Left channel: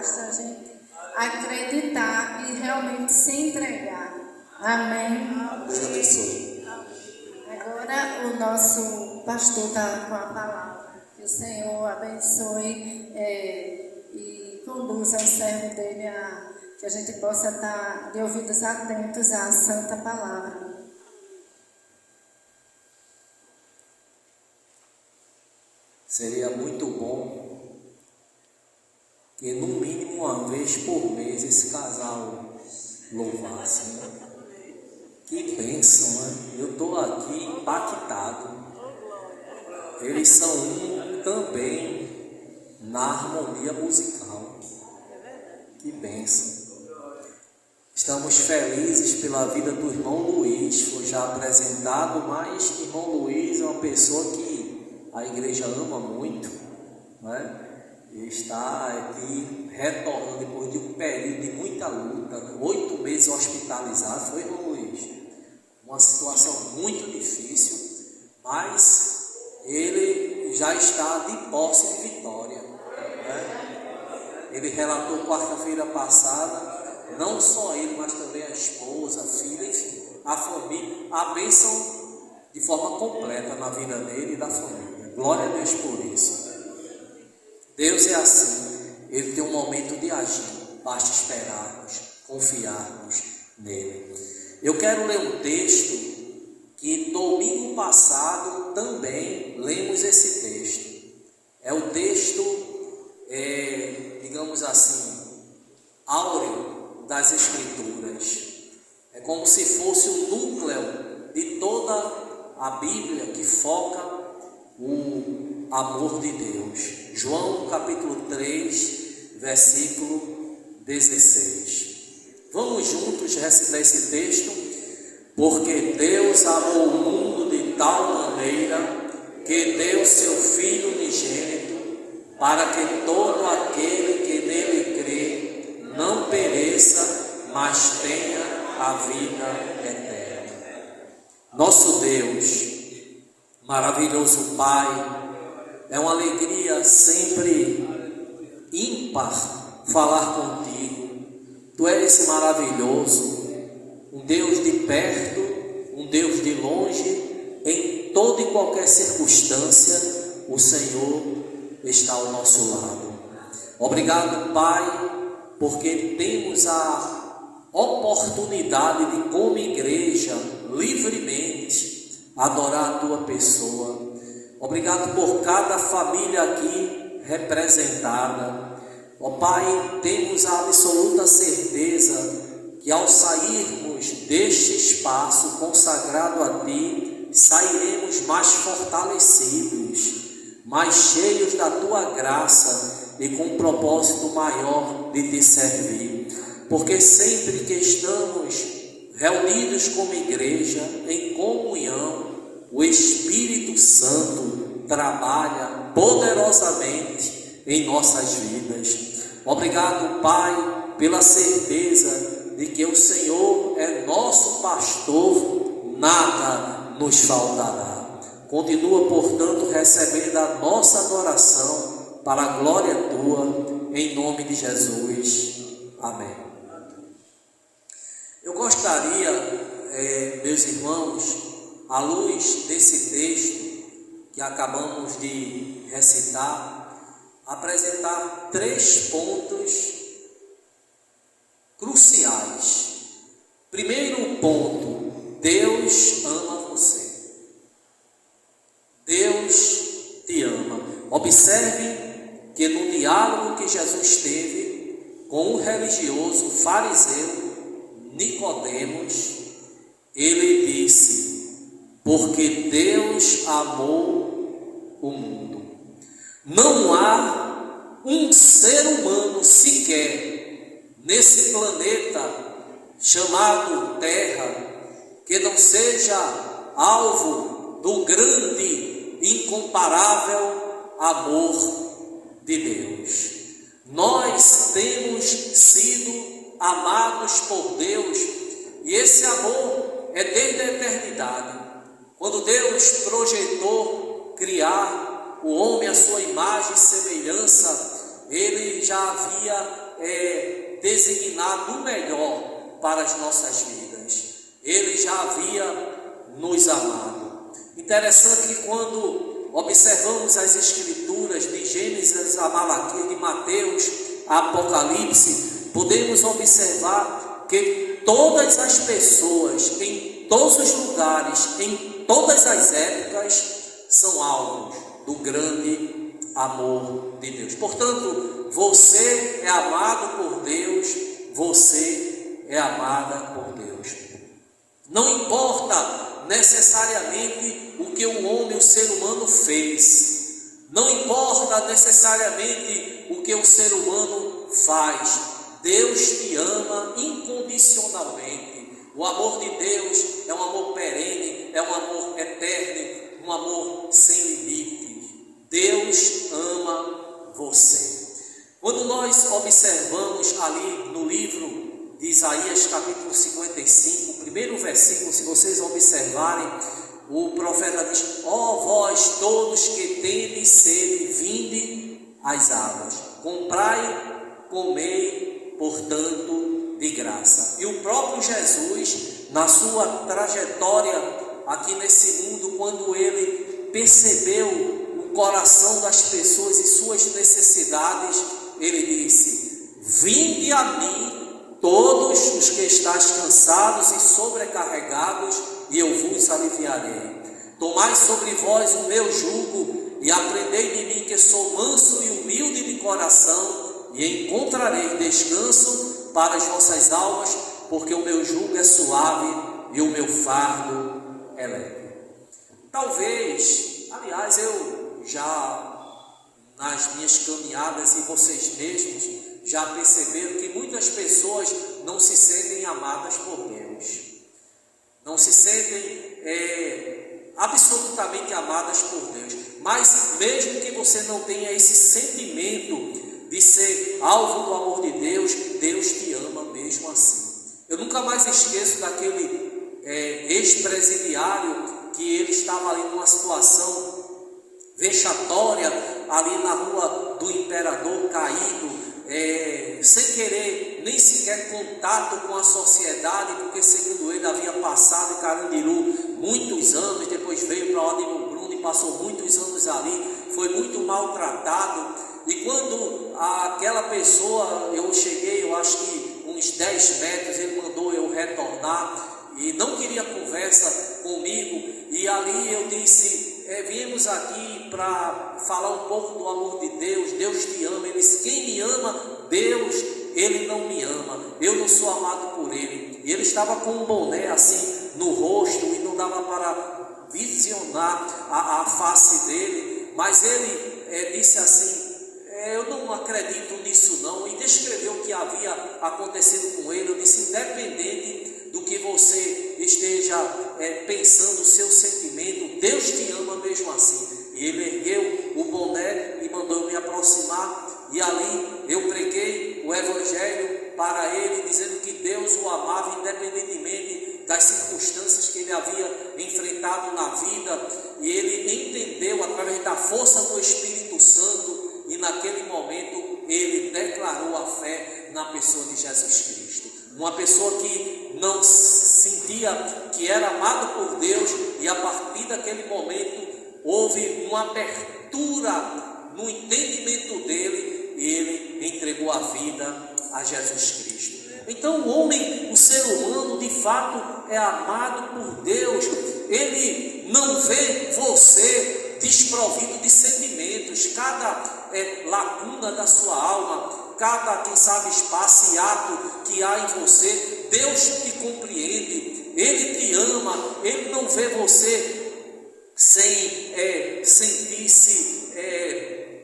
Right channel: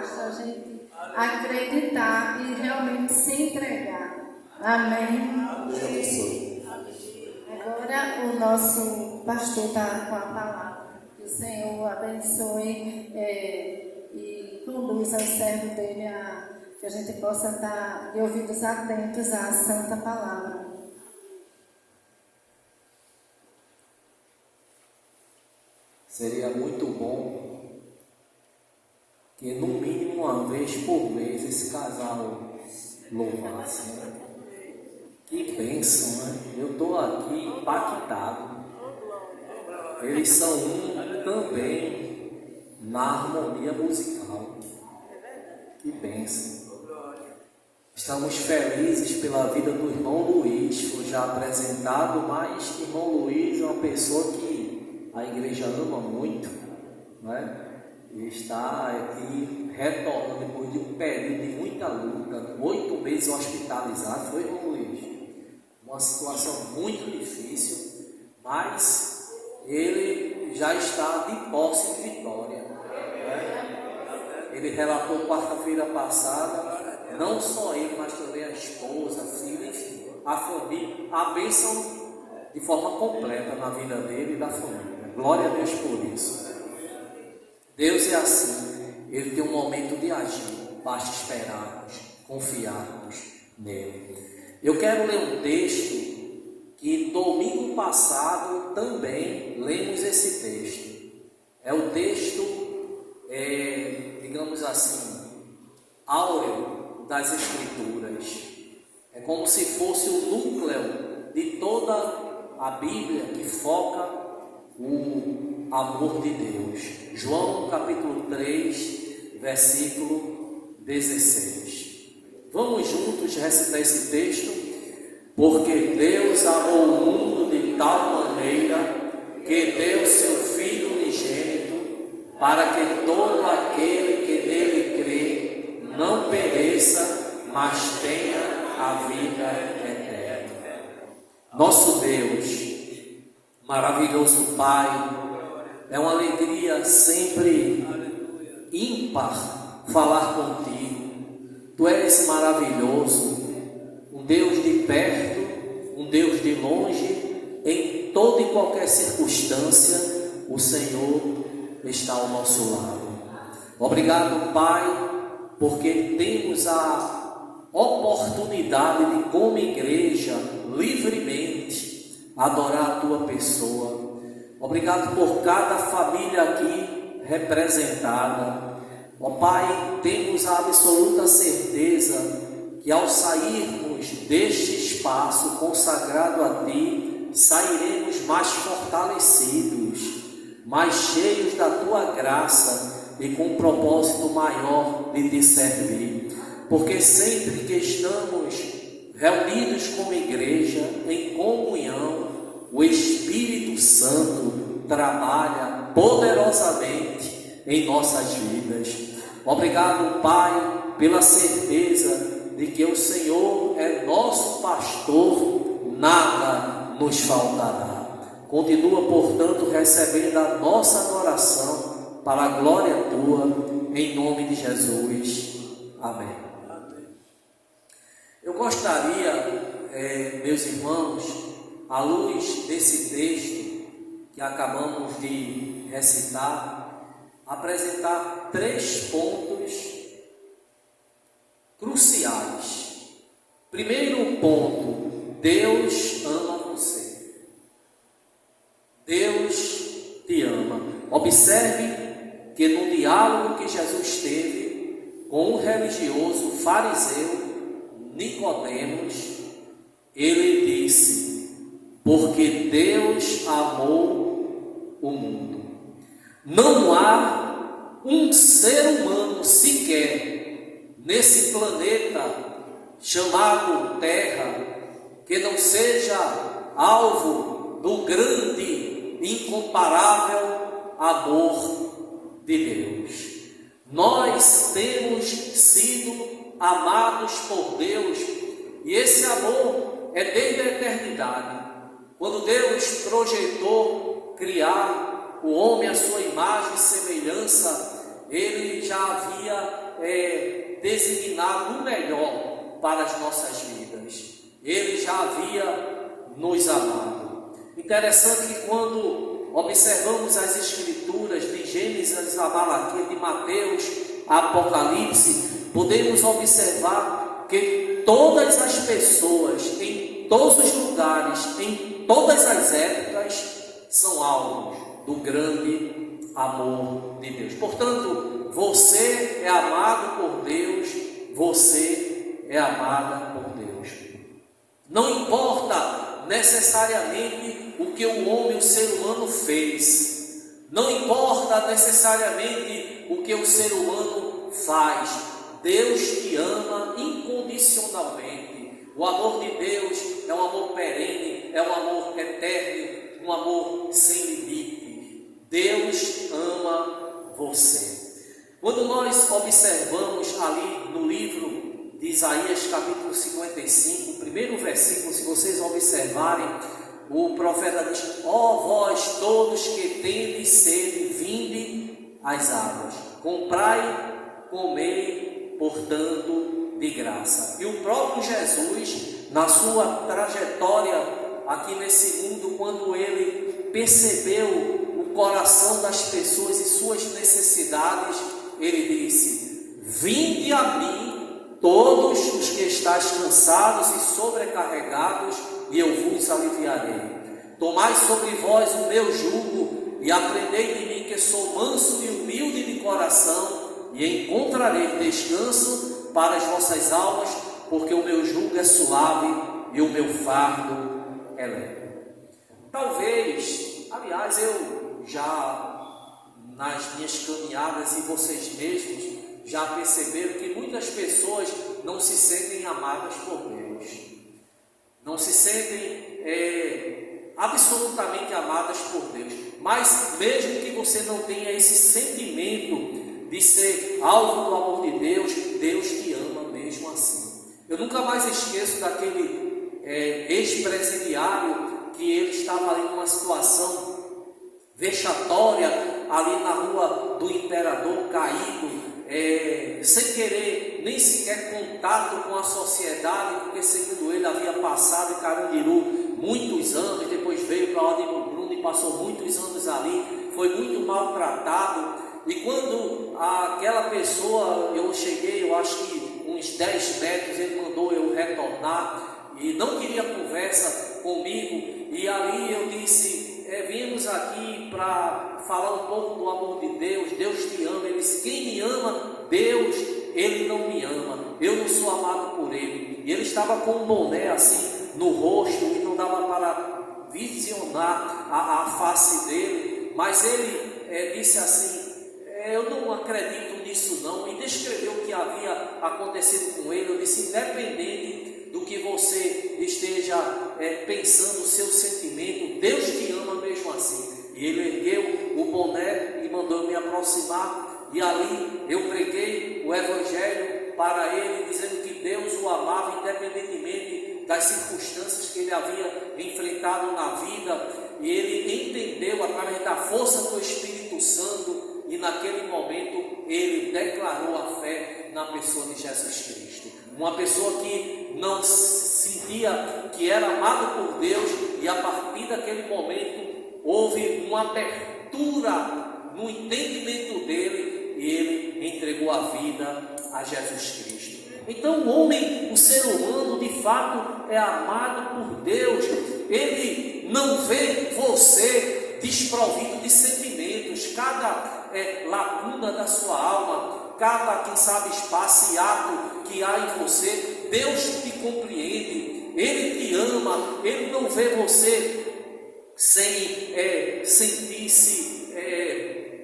Basta a gente acreditar e realmente se entregar. Amém. Deus abençoe. Agora o nosso pastor está com a palavra. Que o Senhor abençoe e conduza o servo dele que a gente possa estar de ouvidos atentos à santa palavra. Seria muito bom que no mínimo uma vez por mês esse casal louvasse, né? Que bênção, né? Eu estou aqui impactado. Eles são um também na harmonia musical. Que bênção. Estamos felizes pela vida do irmão Luiz, foi já apresentado, mas o irmão Luiz é uma pessoa que a igreja ama muito, né? E está aqui retornando depois de um período de muita luta, 8 meses hospitalizado, foi, irmão Luiz? Uma situação muito difícil, mas ele já está de posse de vitória, né? Ele relatou quarta-feira passada, não só ele, mas também a esposa, a filha, enfim, a família, a bênção de forma completa na vida dele e da família. Glória a Deus por isso. Deus é assim, Ele tem um momento de agir, basta esperarmos, confiarmos nele. Eu quero ler um texto que domingo passado também lemos esse texto. É o texto, digamos assim, áureo das Escrituras. É como se fosse o núcleo de toda a Bíblia que foca o amor de Deus. João capítulo 3, versículo 16. Vamos juntos recitar esse texto? Porque Deus amou o mundo de tal maneira que deu seu Filho unigênito, para que todo aquele que nele crê não pereça, mas tenha a vida eterna. Nosso Deus, maravilhoso Pai, é uma alegria sempre ímpar falar contigo. Tu és maravilhoso, um Deus de perto, um Deus de longe, em toda e qualquer circunstância, o Senhor está ao nosso lado. Obrigado, Pai, porque temos a oportunidade de, como igreja, livremente adorar a Tua pessoa. Obrigado por cada família aqui representada. Ó Pai, temos a absoluta certeza que ao sairmos deste espaço consagrado a Ti, sairemos mais fortalecidos, mais cheios da Tua graça e com um propósito maior de Te servir. Porque sempre que estamos reunidos como igreja, em comunhão, o Espírito Santo trabalha poderosamente em nossas vidas. Obrigado, Pai, pela certeza de que o Senhor é nosso pastor, nada nos faltará. Continua, portanto, recebendo a nossa adoração para a glória Tua, em nome de Jesus. Amém. Eu gostaria, meus irmãos, à luz desse texto que acabamos de recitar, apresentar 3 pontos cruciais. Primeiro ponto: Deus ama você. Deus te ama. Observe que no diálogo que Jesus teve com o religioso fariseu Nicodemos, ele disse: porque Deus amou o mundo. Não há um ser humano sequer nesse planeta chamado Terra que não seja alvo do grande, incomparável amor de Deus. Nós temos sido amados por Deus, e esse amor é desde a eternidade. Quando Deus projetou criar o homem à sua imagem e semelhança, Ele já havia designado o melhor para as nossas vidas. Ele já havia nos amado. Interessante que quando observamos as Escrituras de Gênesis a Malaquias, de Mateus a Apocalipse, podemos observar que todas as pessoas, em todos os lugares, em todas as épocas, são alvos do grande amor de Deus. Portanto, você é amado por Deus, você é amada por Deus. Não importa necessariamente o que o homem, o ser humano fez, não importa necessariamente o que o ser humano faz, Deus te ama incondicionalmente. O amor de Deus é um amor perene, é um amor eterno, um amor sem limite. Deus ama você. Quando nós observamos ali no livro de Isaías, capítulo 55, o primeiro versículo, se vocês observarem, o profeta diz: ó vós todos que tendes sede, vinde às águas, comprai, comei, portanto, de graça. E o próprio Jesus, na sua trajetória aqui nesse mundo, quando ele percebeu o coração das pessoas e suas necessidades, ele disse: vinde a mim todos os que estáis cansados e sobrecarregados, e eu vos aliviarei. Tomai sobre vós o meu jugo e aprendei de mim, que sou manso e humilde de coração, e encontrareis descanso para as vossas almas, porque o meu jugo é suave e o meu fardo é leve. Talvez, aliás, eu já nas minhas caminhadas, e vocês mesmos já perceberam que muitas pessoas não se sentem amadas por Deus, não se sentem absolutamente amadas por Deus. Mas mesmo que você não tenha esse sentimento de ser alvo do amor de Deus, Deus te ama mesmo assim. Eu nunca mais esqueço daquele ex-presidiário que ele estava ali numa situação vexatória, ali na rua do Imperador, caído, sem querer nem sequer contato com a sociedade, porque segundo ele havia passado em Carandiru muitos anos, depois veio para Ordem do Bruno e passou muitos anos ali, foi muito maltratado. E quando aquela pessoa, eu cheguei, eu acho que uns 10 metros, ele mandou eu retornar e não queria conversa comigo, e ali eu disse: viemos aqui para falar um pouco do amor de Deus, Deus te ama. Ele disse: quem me ama, Deus, ele não me ama, eu não sou amado por ele. E ele estava com um boné assim no rosto e não dava para visionar a face dele, mas ele disse assim: eu não acredito nisso não, e descreveu o que havia acontecido com ele. Eu disse: independente do que você esteja pensando, o seu sentimento, Deus te ama mesmo assim. E ele ergueu o boné e mandou me aproximar, e ali eu preguei o evangelho para ele, dizendo que Deus o amava independentemente das circunstâncias que ele havia enfrentado na vida, e ele entendeu através da força do Espírito Santo, e naquele momento ele declarou a fé na pessoa de Jesus Cristo. Uma pessoa que não sentia que era amado por Deus, e a partir daquele momento houve uma abertura no entendimento dele, e ele entregou a vida a Jesus Cristo. Então o homem, o ser humano, de fato é amado por Deus. Ele não vê você desprovido de sentimentos. Cada lacuna da sua alma, cada, quem sabe, espaço e ato que há em você, Deus te compreende, Ele te ama, Ele não vê você sem sentir-se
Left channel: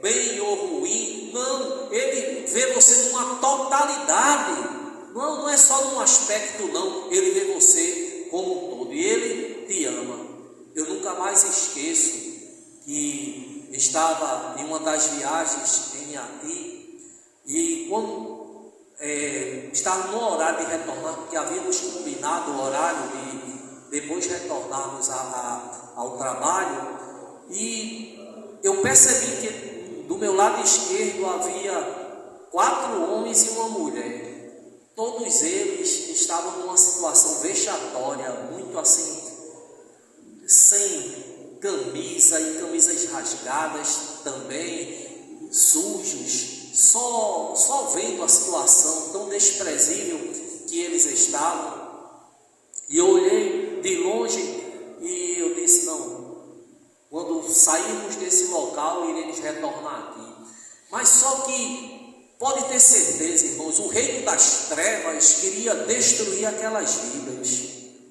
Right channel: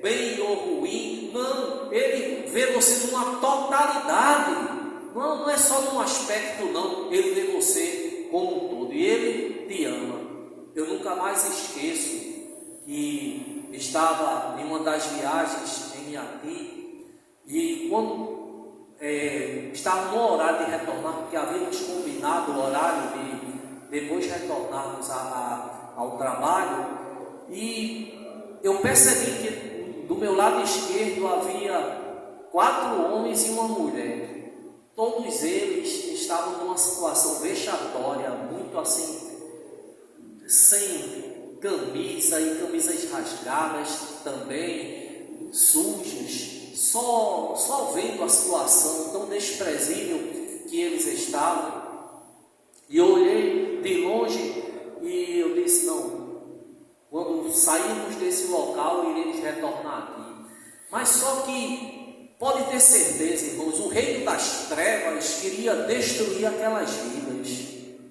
bem ou ruim. Não, Ele vê você numa totalidade, não é só num aspecto não, Ele vê você como um todo, e Ele te ama. Eu nunca mais esqueço que estava em uma das viagens em Iati, e quando estava no horário de retornar, porque havíamos combinado o horário de depois retornarmos ao trabalho, e eu percebi que do meu lado esquerdo havia 4 homens e uma mulher. Todos eles estavam numa situação vexatória, sem camisa e camisas rasgadas também, sujos, só vendo a situação tão desprezível que eles estavam. E eu olhei de longe e eu disse, não, quando sairmos desse local, iremos retornar aqui. Mas só que, pode ter certeza, irmãos, o reino das trevas queria destruir aquelas vidas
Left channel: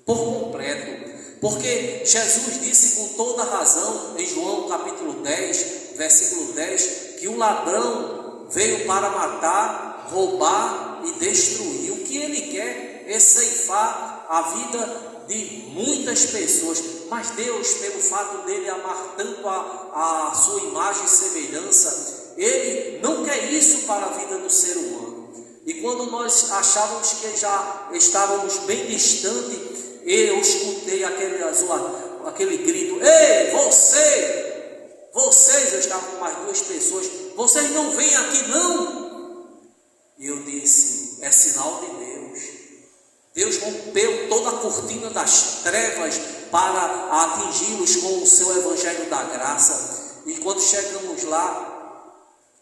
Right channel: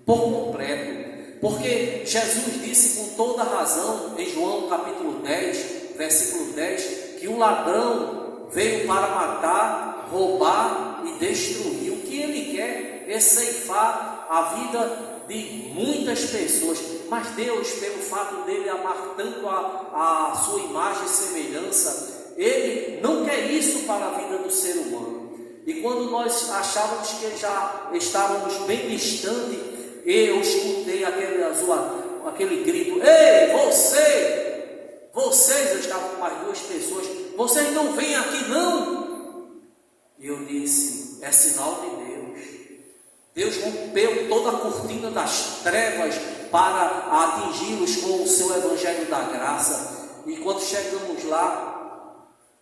por completo. Porque Jesus disse com toda razão, em João capítulo 10, versículo 10, que o ladrão veio para matar, roubar e destruir. O que ele quer é ceifar a vida de muitas pessoas. Mas Deus, pelo fato dele amar tanto a sua imagem e semelhança, Ele não quer isso para a vida do ser humano. E quando nós achávamos que já estávamos bem distantes, eu escutei aquele grito: ei, vocês, eu estava com mais duas pessoas, vocês não vêm aqui não? E eu disse, é sinal de Deus. Deus rompeu toda a cortina das trevas para atingi-los com o seu evangelho da graça. E quando chegamos lá,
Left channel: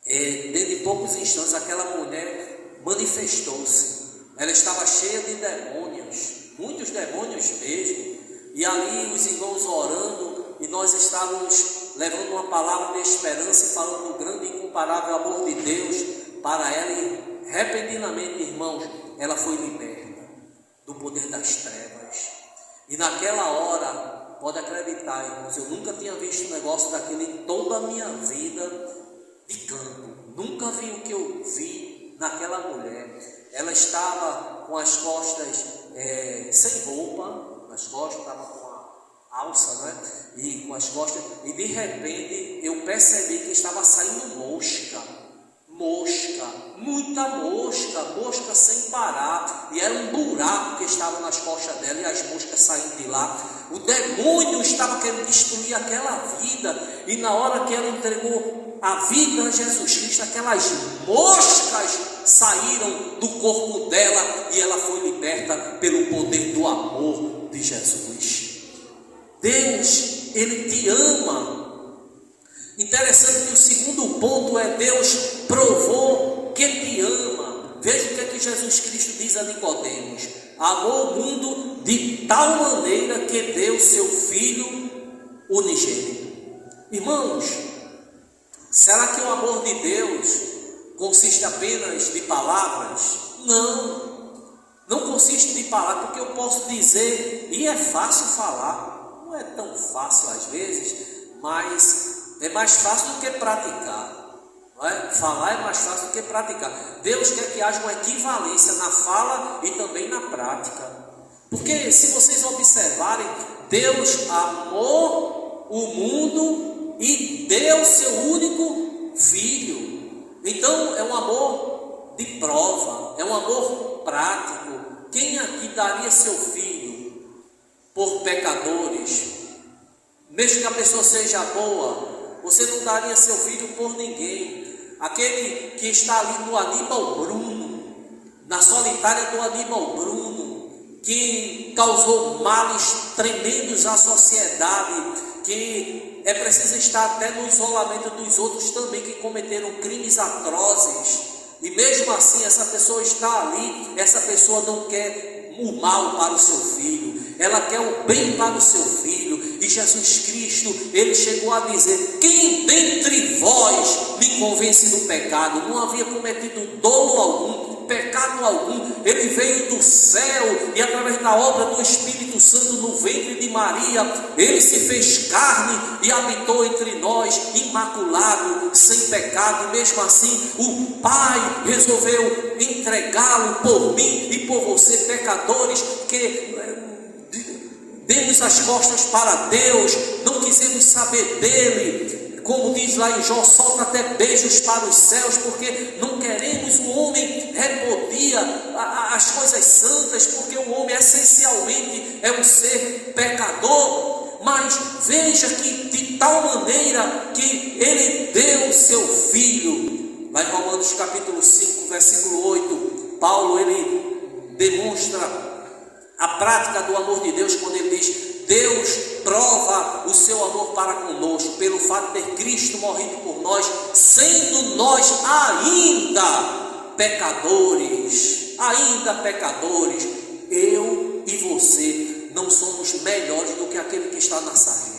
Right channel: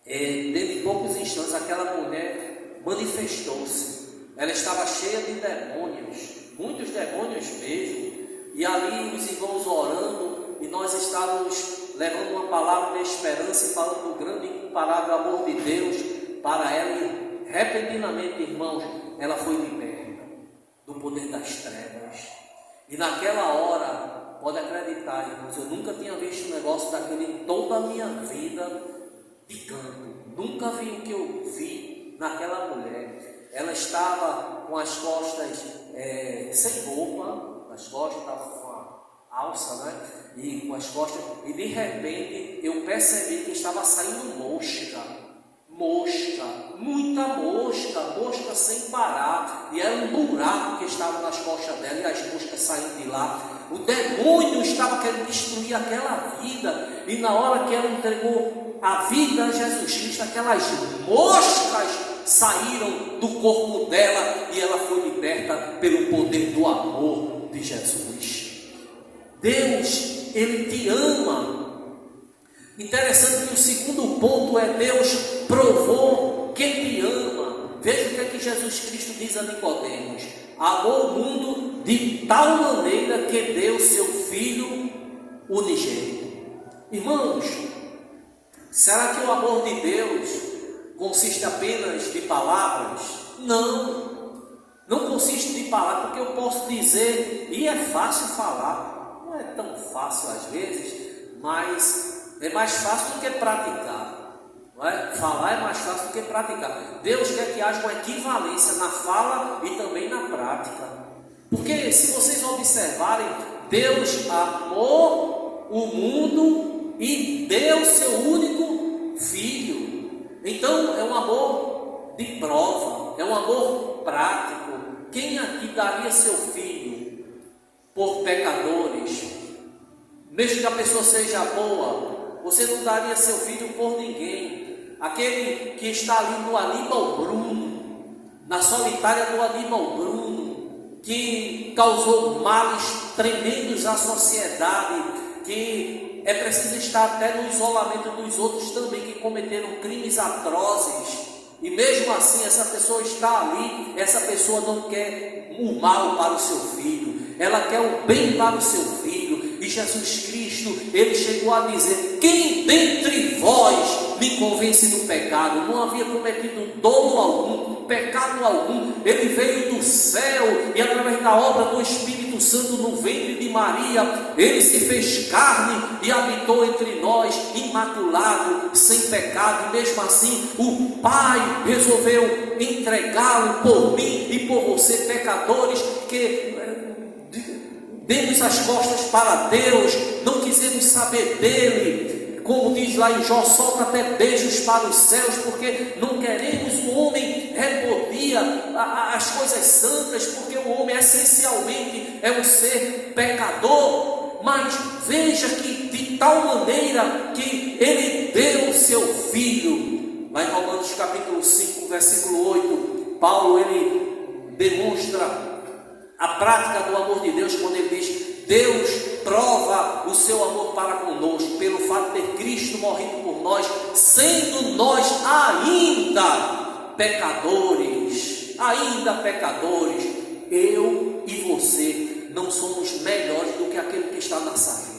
dentro de poucos instantes, aquela mulher manifestou-se. Ela estava cheia de demônios, muitos demônios mesmo. E ali os irmãos orando, e nós estávamos levando uma palavra de esperança e falando do grande e incomparável amor de Deus para ela. E repentinamente, irmãos, ela foi liberta do poder das trevas. E naquela hora, pode acreditar, irmãos, eu nunca tinha visto um negócio daquele em toda a minha vida de canto. Nunca vi o que eu vi naquela mulher. Ela estava com as costas sem roupa, as costas estavam com a alça, né? E com as costas, e de repente eu percebi que estava saindo muita mosca sem parar, e era um buraco que estava nas costas dela, e as moscas saindo de lá. O demônio estava querendo destruir aquela vida, e na hora que ela entregou a vida a Jesus Cristo, aquelas moscas saíram do corpo dela, e ela foi liberta pelo poder do amor de Jesus. Deus, Ele te ama. Interessante que o segundo ponto é: Deus provou que te ama. Veja o que é que Jesus Cristo diz a Nicodemos: amou o mundo de tal maneira que deu seu Filho unigênito. Irmãos, será que o amor de Deus consiste apenas de palavras? Não consiste de palavras, porque eu posso dizer, e é fácil falar, não é tão fácil às vezes, mas é mais fácil do que praticar. Não é? Falar é mais fácil do que praticar. Deus quer que haja uma equivalência na fala e também na prática. Porque se vocês observarem, Deus amou o mundo e deu seu único Filho. Então é um amor de prova, é um amor prático. Quem aqui daria seu filho por pecadores? Mesmo que a pessoa seja boa, você não daria seu filho por ninguém. Aquele que está ali no Aníbal Bruno, na solitária do Aníbal Bruno, que causou males tremendos à sociedade, que é preciso estar até no isolamento dos outros também, que cometeram crimes atrozes, e mesmo assim essa pessoa está ali. Essa pessoa não quer o mal para o seu filho, ela quer o bem para o seu filho. E Jesus Cristo, Ele chegou a dizer: quem dentre vós me convence do pecado? Não havia cometido dolo algum, pecado algum. Ele veio do céu e através da obra do Espírito Santo no ventre de Maria, Ele se fez carne e habitou entre nós, imaculado, sem pecado. E mesmo assim o Pai resolveu entregá-lo por mim e por você, pecadores, que demos as costas para Deus, não quisemos saber dele. Como diz lá em Jó, solta até beijos para os céus, porque não queremos. O homem repudia as coisas santas, porque o homem essencialmente é um ser pecador. Mas veja que de tal maneira que ele deu o seu filho. Lá em Romanos capítulo 5, versículo 8, Paulo ele demonstra A prática do amor de Deus, quando ele diz, Deus prova o seu amor para conosco, pelo fato de ter Cristo morrido por nós, sendo nós ainda pecadores, eu e você não somos melhores do que aquele que está na sarjeta.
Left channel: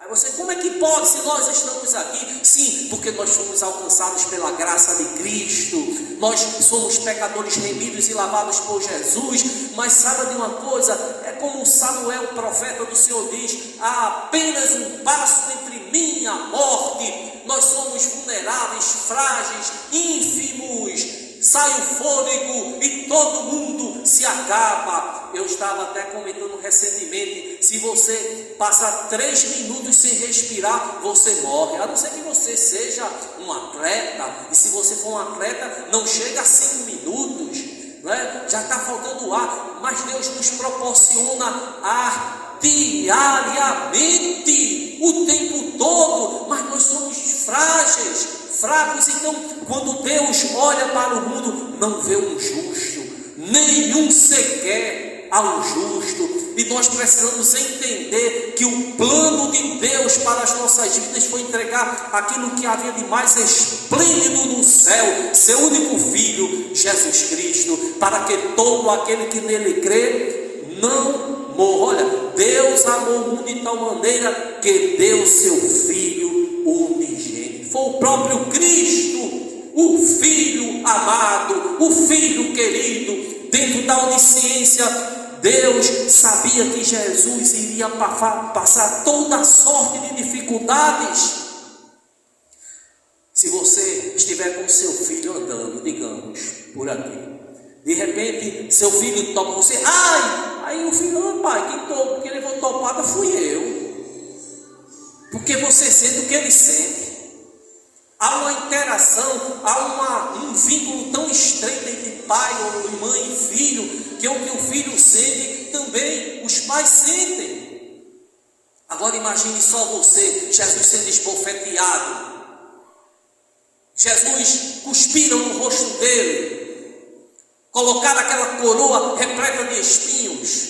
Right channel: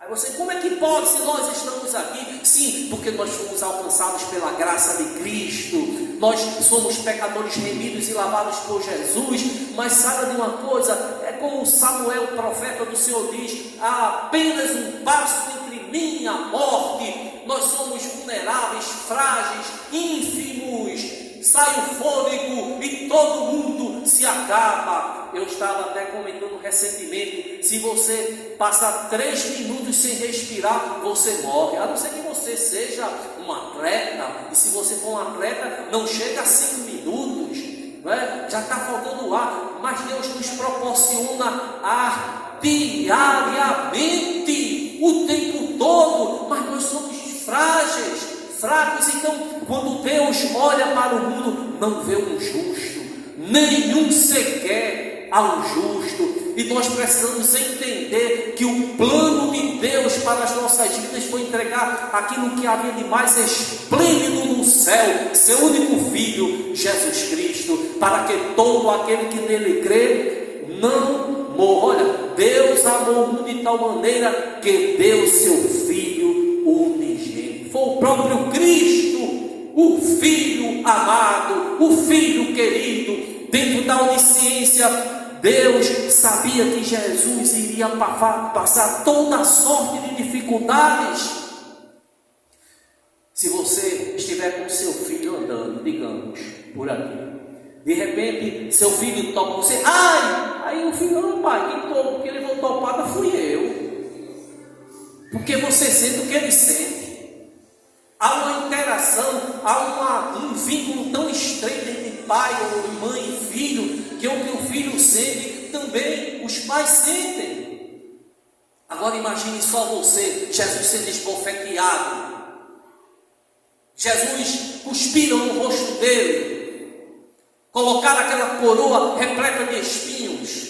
Aí você, como é que pode se nós estamos aqui? Sim, porque nós fomos alcançados pela graça de Cristo, nós somos pecadores remidos e lavados por Jesus. Mas sabe de uma coisa, é como Samuel, o profeta do Senhor, diz, há apenas um passo entre mim e a morte. Nós somos vulneráveis, frágeis, ínfimos, sai o fôlego e todo mundo se acaba. Eu estava até comentando recentemente, se você passar 3 minutos sem respirar, você morre, a não ser que você seja um atleta, e se você for um atleta, não chega a 5 minutos, né? Já está faltando ar, mas Deus nos proporciona ar diariamente, o tempo todo, mas nós somos frágeis, fracos. Então, quando Deus olha para o mundo, não vê um justo, nenhum sequer ao justo. E nós precisamos entender que o plano de Deus para as nossas vidas foi entregar aquilo que havia de mais esplêndido no céu, seu único Filho, Jesus Cristo, para que todo aquele que nele crê não morra. Olha, Deus amou o mundo de tal maneira que deu seu Filho unigênito. Foi o próprio Cristo, o Filho amado, o Filho querido. Dentro da onisciência, Deus sabia que Jesus iria passar toda a sorte de dificuldades. Se você estiver com seu filho andando, digamos, por aqui, de repente seu filho topa você, aí o filho, não, pai, quem topou, porque levou topada fui eu, porque você sente o que ele sente. Há uma interação, há um vínculo tão estreito entre pai ou mãe e filho, que o que o filho sente, também os pais sentem. Agora imagine só você, Jesus sendo esbofeteado, Jesus cuspiram no rosto dele, colocaram aquela coroa repleta de espinhos,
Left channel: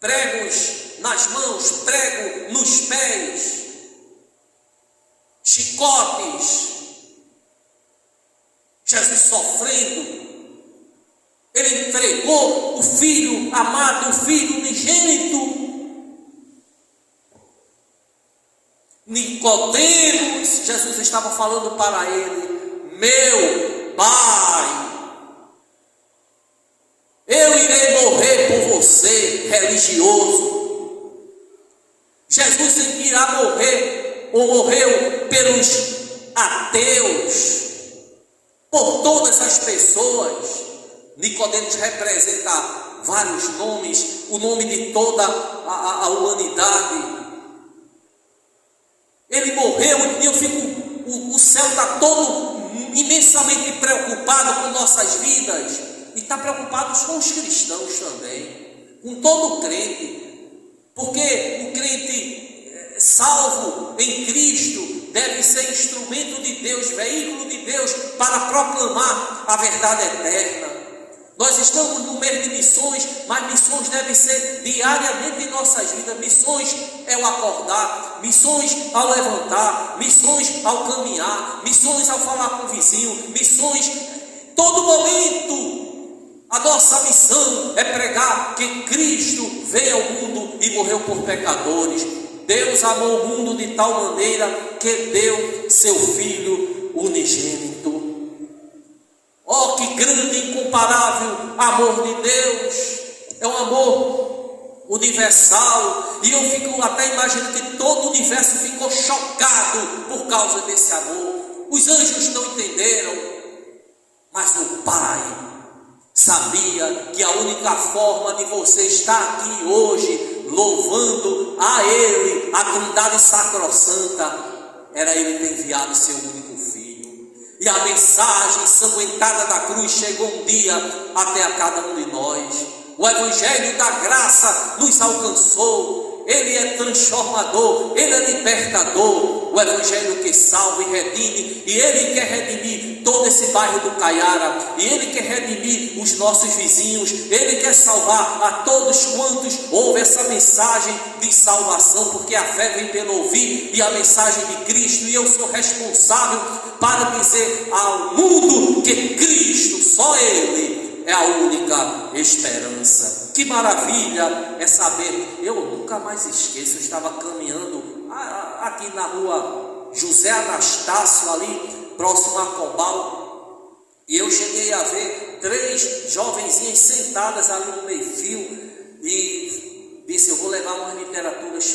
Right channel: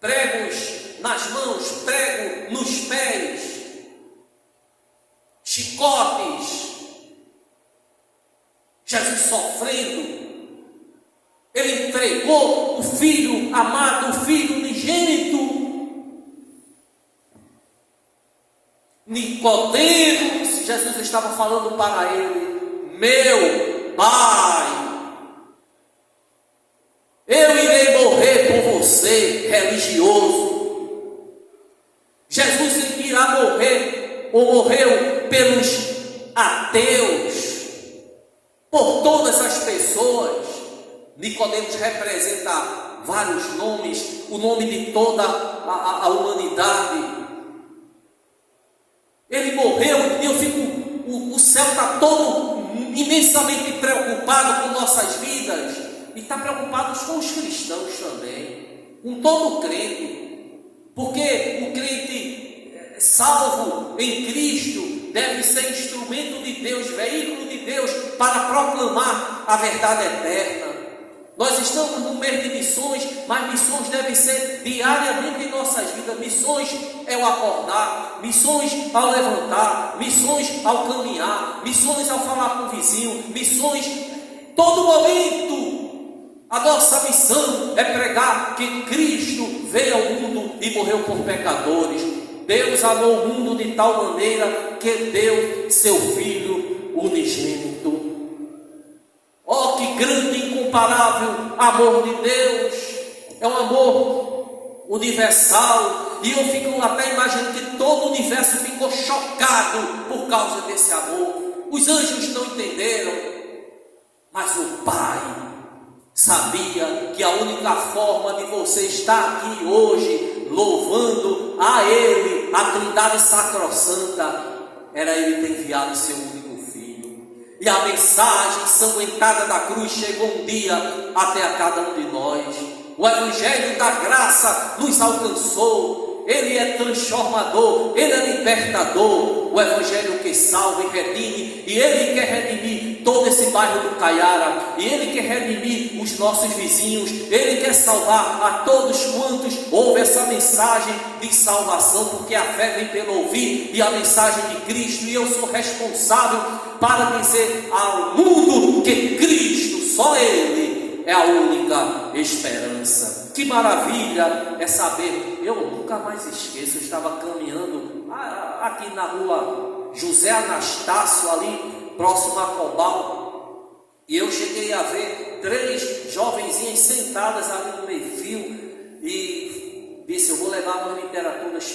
pregos nas mãos, prego nos pés, chicotes, Jesus sofrendo. Ele entregou o Filho amado, o Filho unigênito. Nicodemos, Jesus estava falando para ele, meu Pai, eu irei morrer por você, religioso. Jesus irá morrer, ou morreu pelos ateus, por todas as pessoas. Nicodemos representa vários nomes, o nome de toda a humanidade. Ele morreu e eu fico, o céu está todo imensamente preocupado com nossas vidas, e está preocupado com os cristãos também, com todo crente, porque o crente salvo em Cristo deve ser instrumento de Deus, veículo de Deus para proclamar a verdade eterna. Nós estamos no mês de missões, mas missões devem ser diariamente em nossas vidas. Missões é o acordar, missões ao levantar, missões ao caminhar, missões ao falar com o vizinho, missões todo momento. A nossa missão é pregar que Cristo veio ao mundo e morreu por pecadores. Deus amou o mundo de tal maneira que deu seu Filho unigênito. Oh, que grande e incomparável amor de Deus! É um amor universal, e eu fico até imaginando que todo o universo ficou chocado por causa desse amor. Os anjos não entenderam, mas o Pai sabia que a única forma de você estar aqui hoje, louvando a Ele, a Trindade Sacrossanta, era Ele ter enviado seu único Filho. E a mensagem ensanguentada da cruz chegou um dia até a cada um de nós. O Evangelho da graça nos alcançou. Ele é transformador, Ele é libertador. O Evangelho que salva e redime, e Ele quer redimir todo esse bairro do Caiara, e Ele quer redimir os nossos vizinhos, Ele quer salvar a todos quantos ouvem essa mensagem de salvação, porque a fé vem pelo ouvir, e a mensagem de Cristo, e eu sou responsável para dizer ao mundo que Cristo, só Ele, é a única esperança. Que maravilha é saber. Eu nunca mais esqueço, eu estava caminhando aqui na rua José Anastácio, ali próximo a Cobal, e eu cheguei a ver 3 jovenzinhas sentadas ali no meio-fio, e disse: eu vou levar umas literaturas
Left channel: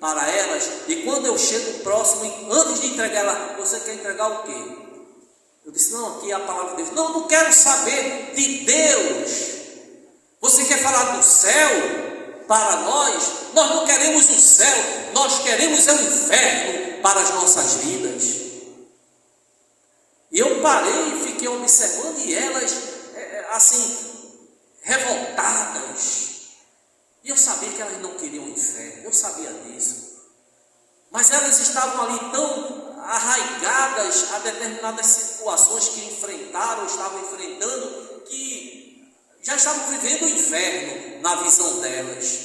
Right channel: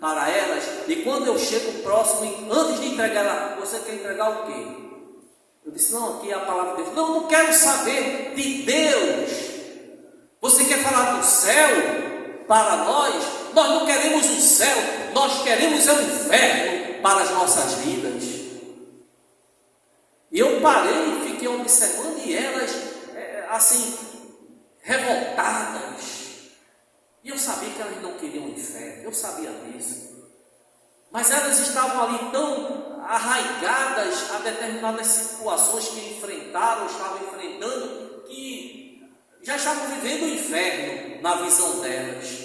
para elas. E quando eu chego próximo, antes de entregar ela: você quer entregar o quê? Eu disse: não, aqui é a palavra de Deus. Não, não quero saber de Deus. Você quer falar do céu para nós? Nós não queremos o céu, nós queremos o inferno para as nossas vidas. E eu parei e fiquei observando, e elas assim, revoltadas. E eu sabia que elas não queriam o inferno, eu sabia disso. Mas elas estavam ali tão arraigadas a determinadas situações que estavam enfrentando, que já estavam vivendo o inferno na visão delas.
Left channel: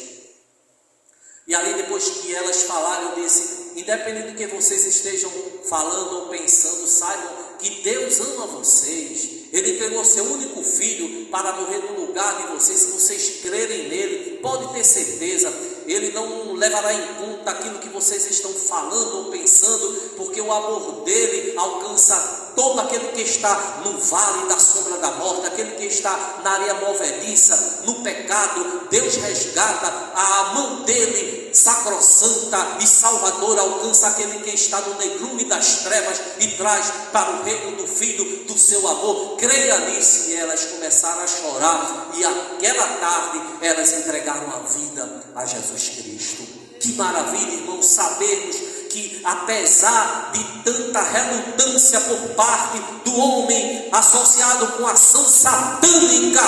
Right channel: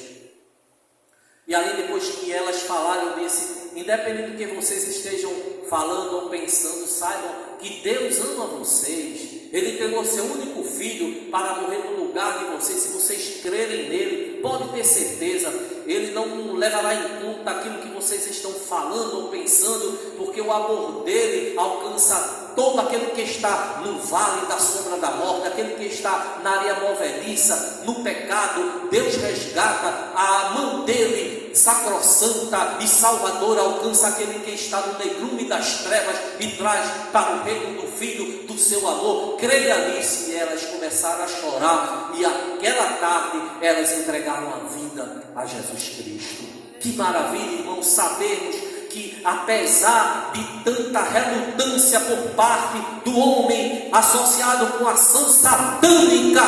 E ali, depois que elas falaram, eu disse: independente do que vocês estejam falando ou pensando, saibam que Deus ama vocês. Ele entregou seu único filho para morrer no lugar de vocês. Se vocês crerem nele, pode ter certeza, Ele não levará em conta aquilo que vocês estão falando ou pensando, porque o amor dele alcança todo aquele que está no vale da sombra da morte, aquele que está na areia movediça, no pecado. Deus resgata, a mão dele sacrossanta e salvadora alcança aquele que está no negrume das trevas e traz para o reino do Filho do seu amor. Creia nisso. E elas começaram a chorar, e aquela tarde elas entregaram a vida a Jesus Cristo. Que maravilha, irmãos, sabermos que apesar de tanta relutância por parte do homem associado com a ação satânica,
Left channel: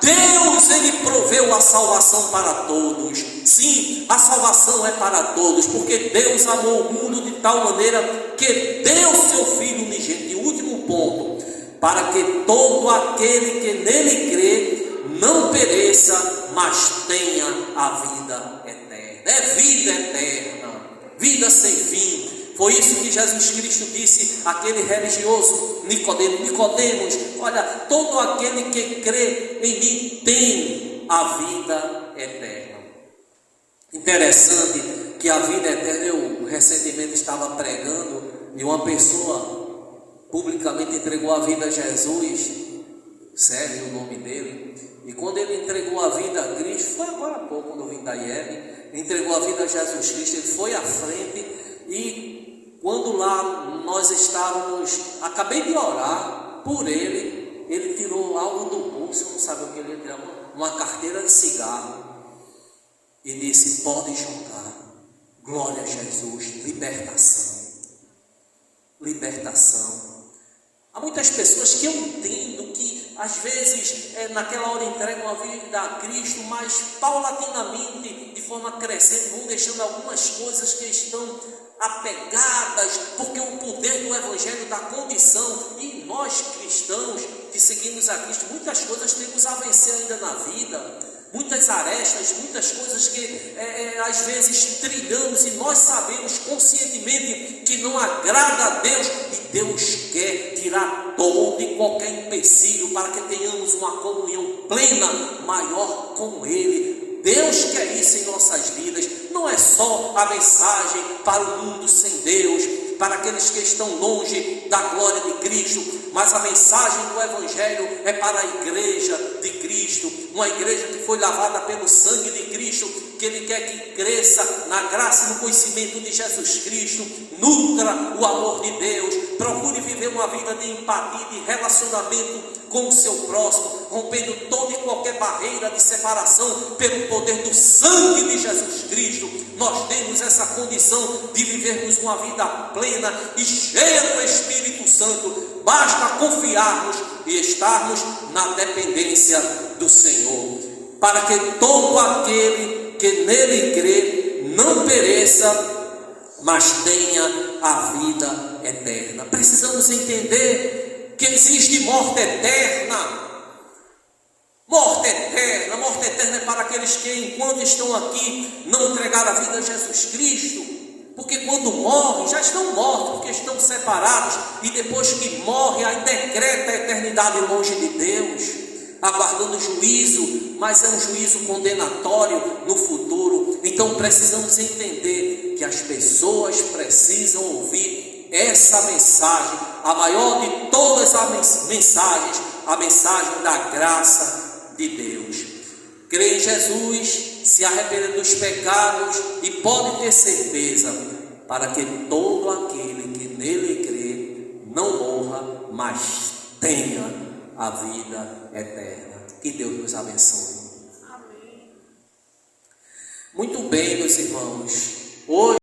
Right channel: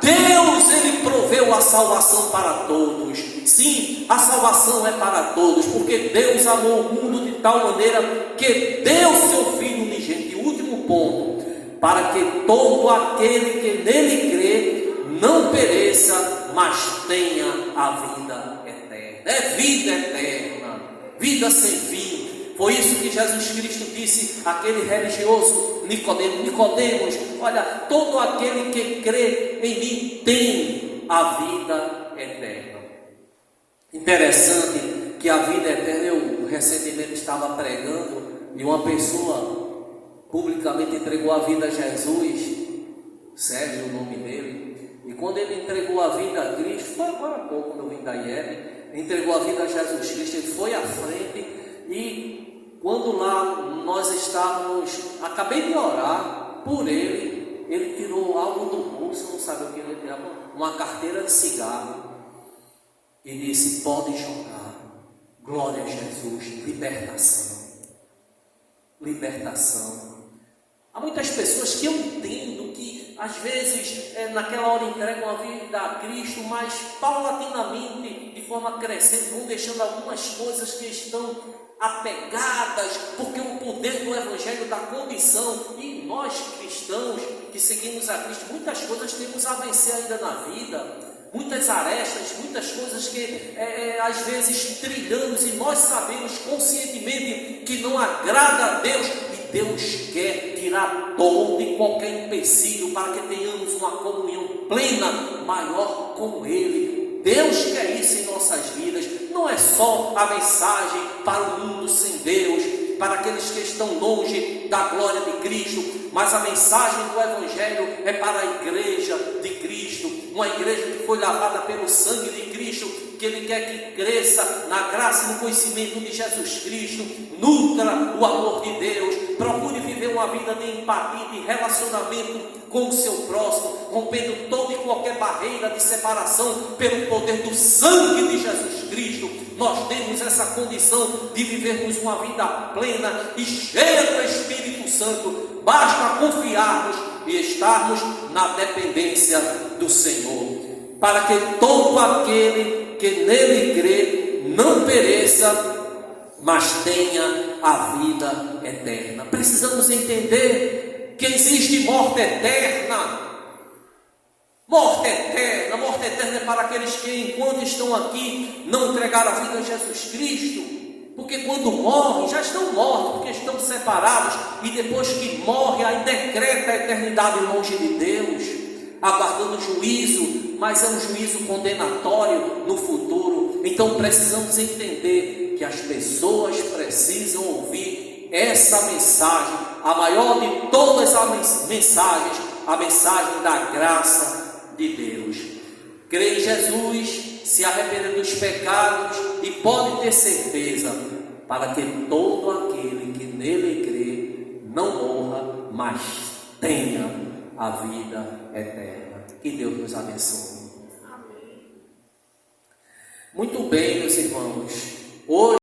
Deus, Ele proveu a salvação para todos. Sim, a salvação é para todos, porque Deus amou o mundo de tal maneira que deu seu Filho unigênito. E o último ponto: para que todo aquele que nele crê não pereça, mas tenha a vida eterna. É vida eterna, vida sem fim. Foi isso que Jesus Cristo disse àquele religioso Nicodemos: Nicodemos, olha, todo aquele que crê em mim tem a vida eterna. Interessante que a vida eterna, eu recentemente estava pregando, e uma pessoa publicamente entregou a vida a Jesus, Sérgio, o nome dele, e quando ele entregou a vida a Cristo, foi agora há pouco, quando eu vim da IEB, entregou a vida a Jesus Cristo, ele foi à frente, e quando lá nós estávamos, acabei de orar por ele, ele tirou algo do bolso, não sabia o que ele ia tirar, uma carteira de cigarro, e disse: pode jogar. Glória a Jesus. Libertação. Libertação. Há muitas pessoas que eu entendo que às vezes naquela hora entregam a vida a Cristo, mas paulatinamente, de forma crescente, vão deixando algumas coisas que estão apegadas, porque o poder do Evangelho dá condição, e nós cristãos que seguimos a Cristo, muitas coisas temos a vencer ainda na vida. Muitas arestas, muitas coisas que às vezes trilhamos, e nós sabemos conscientemente que não agrada a Deus, e Deus quer tirar todo e qualquer empecilho para que tenhamos uma comunhão plena, maior com Ele. Deus quer isso em nossas vidas. Não é só a mensagem para o mundo sem Deus, para aqueles que estão longe da glória de Cristo, mas a mensagem do Evangelho é para a igreja de Cristo, uma igreja que foi lavada pelo sangue de Cristo, que Ele quer que cresça na graça e no conhecimento de Jesus Cristo, nutra o amor de Deus, procure viver uma vida de empatia, de relacionamento com o seu próximo, rompendo toda e qualquer barreira de separação pelo poder do sangue de Jesus Cristo. Nós temos essa condição de vivermos uma vida plena e cheia do Espírito Santo. Basta confiarmos e estarmos na dependência do Senhor, para que todo aquele que nele crê não pereça, mas tenha a vida eterna. Precisamos entender que existe morte eterna. Morte eterna é para aqueles que, enquanto estão aqui, não entregaram a vida a Jesus Cristo. Porque quando morrem, já estão mortos, porque estão separados, e depois que morrem, aí decreta a eternidade longe de Deus, aguardando juízo, mas é um juízo condenatório no futuro. Então precisamos entender que as pessoas precisam ouvir essa mensagem, a maior de todas as mensagens, a mensagem da graça de Deus. Crê em Jesus, se arrepender dos pecados e pode ter certeza, para que todo aquele que nele crê não morra, mas tenha a vida eterna. Que Deus nos abençoe. Amém. Muito bem, meus irmãos. Hoje